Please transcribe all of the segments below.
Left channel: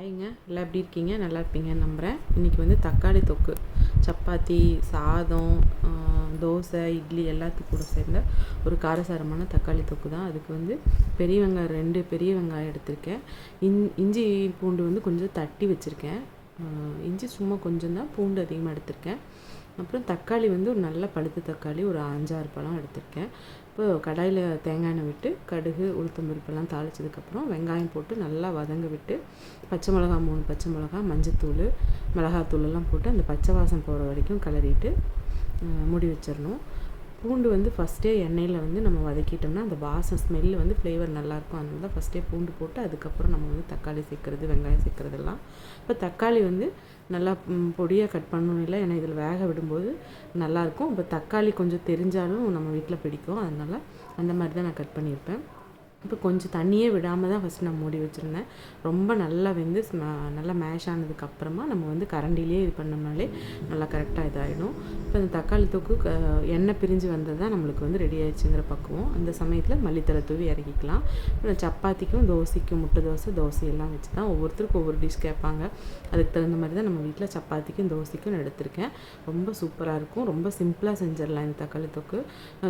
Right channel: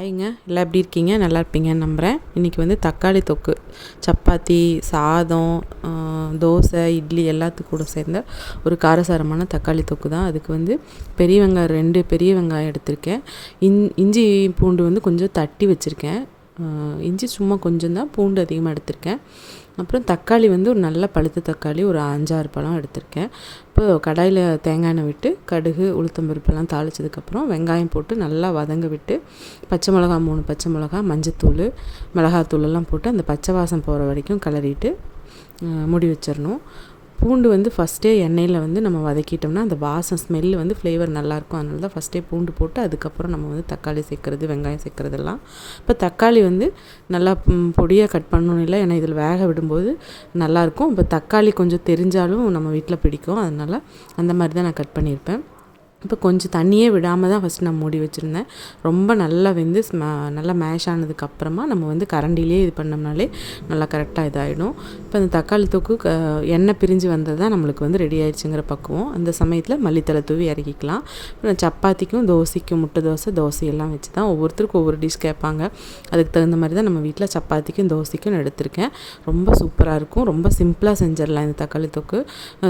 ஹாய்ங்க, எல்லாம் எப்படி இருக்கீங்க? நல்லா இருப்பீங்கன்னு நம்புகிறேன். இன்றைக்கி வந்து தக்காளி தொக்கு, சப்பாத்தி, சாதம், தோசை, இட்லி எல்லாத்துக்கும் கூட சேர்ந்த ஒரு காரசாரமான தக்காளி தொக்கு தான். அதுக்கு வந்து பெரிய வெங்காயம் 2 பெரிய வெங்காயம் எடுத்திருக்கேன். இஞ்சி பூண்டு வந்து கொஞ்சம் தட்டி வச்சுருக்கேன். இஞ்சி சும்மா கொஞ்சம் தான், பூண்டு அதிகமாக எடுத்திருக்கேன். அப்புறம் தக்காளி வந்து ஒரு நல்ல பழுத்த தக்காளி ஒரு 5-6 பழம் எடுத்திருக்கேன். இப்போ கடாயில் தேங்காய் எண்ணெய் விட்டு கடுகு உளுத்தம்பருப்பெல்லாம் தாளித்ததுக்கப்புறம் வெங்காயம் போட்டு நல்லா வதங்க விட்டு பச்சை மிளகா 3 பச்சை மிளகா, மஞ்சத்தூள், மிளகாத்தூள் எல்லாம் போட்டு அந்த பச்சை வாசம் போகிற வரைக்கும் கிளறிட்டு மூடி வச்சிடணும். பூண்டு வந்து ஃபஸ்ட்டே எண்ணெயில் வந்து நம்ம வதக்கிட்டோம்னா அந்த வாசம் ஸ்மெல்லு வந்து ஃப்ளேவர் நல்லாயிருக்கும். அதனால தான் ஃபஸ்ட்டே பூண்டு போட்டு அதுக்கப்புறம் நம்ம வந்து தக்காளி சேர்க்குறது, வெங்காயம் சேர்க்குறதெல்லாம். இப்போ தக்காளி வந்து நல்லா பொடியாக கட் பண்ணணும் இல்லை, ஏன்னா இதில் வேக விடும்போது நல்லாயிருக்கும். இப்போ தக்காளி கொஞ்சம் தெரிஞ்சாலும் நம்ம வீட்டில் பிடிக்கும், அதனால் அந்த மாதிரி தான் நான் கட் பண்ணியிருப்பேன். இப்போ கொஞ்சம் தண்ணியே விடாமல் தான் ஃபஸ்ட்டு நான் மூடி வச்சுருந்தேன். ரொம்ப நல்லா வெந்து நல்லா மேஷ் ஆனதுக்கப்புறமா நம்ம வந்து கரண்டிலே இது பண்ணோம்னாலே நல்லா கரெக்டாக இதாகிடும். இப்போ அந்த தக்காளி தொக்கு எண்ணெய் பிரிஞ்சு வந்தது தான் நம்மளுக்கு வந்து ரெடி ஆயிடுச்சுங்கிற பக்குவம். அந்த சமயத்தில் மல்லித்தலை தூவி இறக்கிக்கலாம். சப்பாத்திக்கும் தோசைக்கும் முட்டை தோசையெல்லாம் வச்சு தான் ஒவ்வொருத்தருக்கும் ஒவ்வொரு டிஷ் கேட்பாங்க. அதுக்கு தகுந்த மாதிரி தான் நம்ம வீட்டில் சப்பாத்திக்கும் தோசைக்கும் எடுத்திருக்கேன். ரொம்ப சூப்பராக இருக்கும். ரொம்ப சிம்பிளாக செஞ்சிடலாம் இந்த தக்காளி தொக்கு.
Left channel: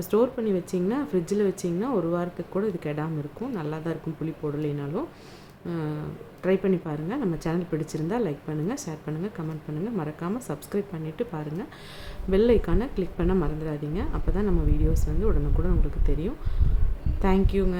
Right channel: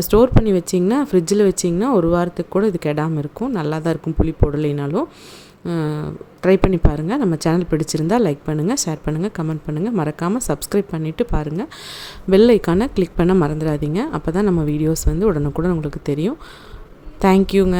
ஸ்டோர் பண்ணி வச்சிங்கன்னா, ஃப்ரிட்ஜில் வச்சிங்கன்னா ஒரு வாரத்துக்கு கூட இது கெடாமல் இருக்கும். நல்லா தான் இருக்கும், புளி போடலைனாலும். ட்ரை பண்ணி பாருங்கள். நம்ம சேனல் பிடிச்சிருந்தால் லைக் பண்ணுங்கள், ஷேர் பண்ணுங்கள், கமெண்ட் பண்ணுங்கள். மறக்காமல் சப்ஸ்கிரைப் பண்ணிவிட்டு பாருங்கள். பெல் ஐக்கானை கிளிக் பண்ண மறந்துடாதீங்க. அப்போ தான் நம்ம வீடியோஸ் வந்து உடனுக்குடன் உங்களுக்கு தெரியும். தேங்க்யூங்க.